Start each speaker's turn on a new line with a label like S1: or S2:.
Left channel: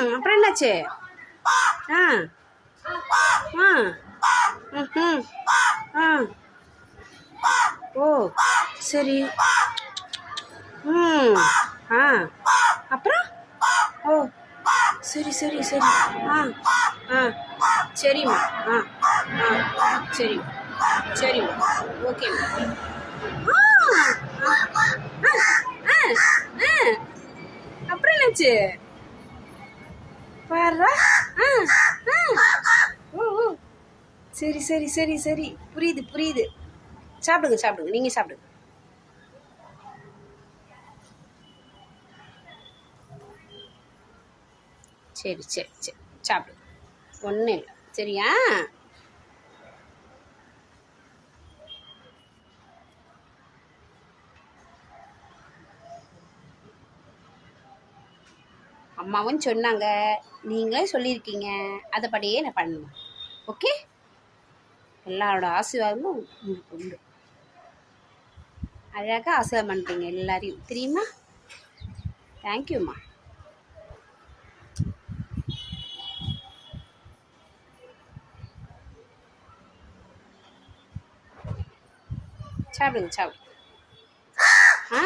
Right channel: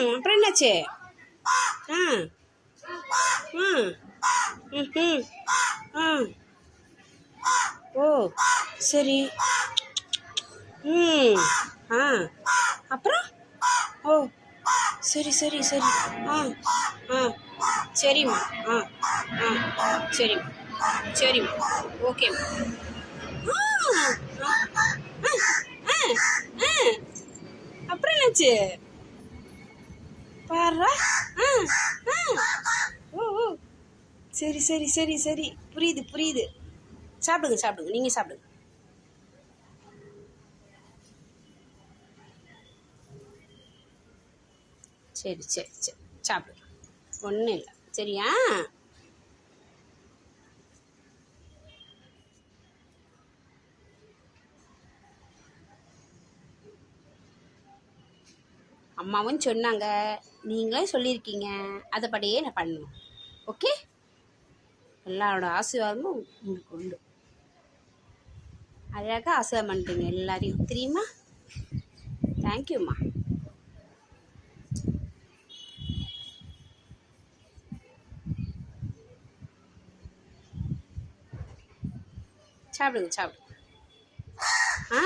S1: ம் அப்புறம் என்னாச்சு? ஆ ஆ ம் ஆ. ஓ சரி. ம் ஆ அப்புறம்? ஓ சரி சரி சரி. ஆ ஆ சரிம்மா. ஆ ஆ சரிம்மா. சரிம்மா ஓகேம்மா ஆ ஆ ஆ ஆ. அப்புறம் என்னாச்சு? பாரு ஆ ஆ ஓ ஓ சரி சரி சரி சரி. புரியுது புரியுது. சாப்பிடுங்க சாப்பிடுங்க. நீங்கள் சாப்பிடுங்க. சரி சரி சரி. சாப்பிடுங்க ஒன்றும் இல்லை. சரியா? அம்மாவும் சொன்னாங்க. நீங்களே சொல்லியிருக்கீங்க. அதைப்படியே நான் பண்ணணும். ஓகே எல்லாரோட ஆசீர்வாதமும் உங்களுக்கு உண்டு. அழகாக ஆசீர்வாதம் பண்ணுறீங்க எல்லாரையும். தெரியுமா? தேங்க்யூம்மா சாப்பிடுங்க சாப்பிடுங்க. ஆ.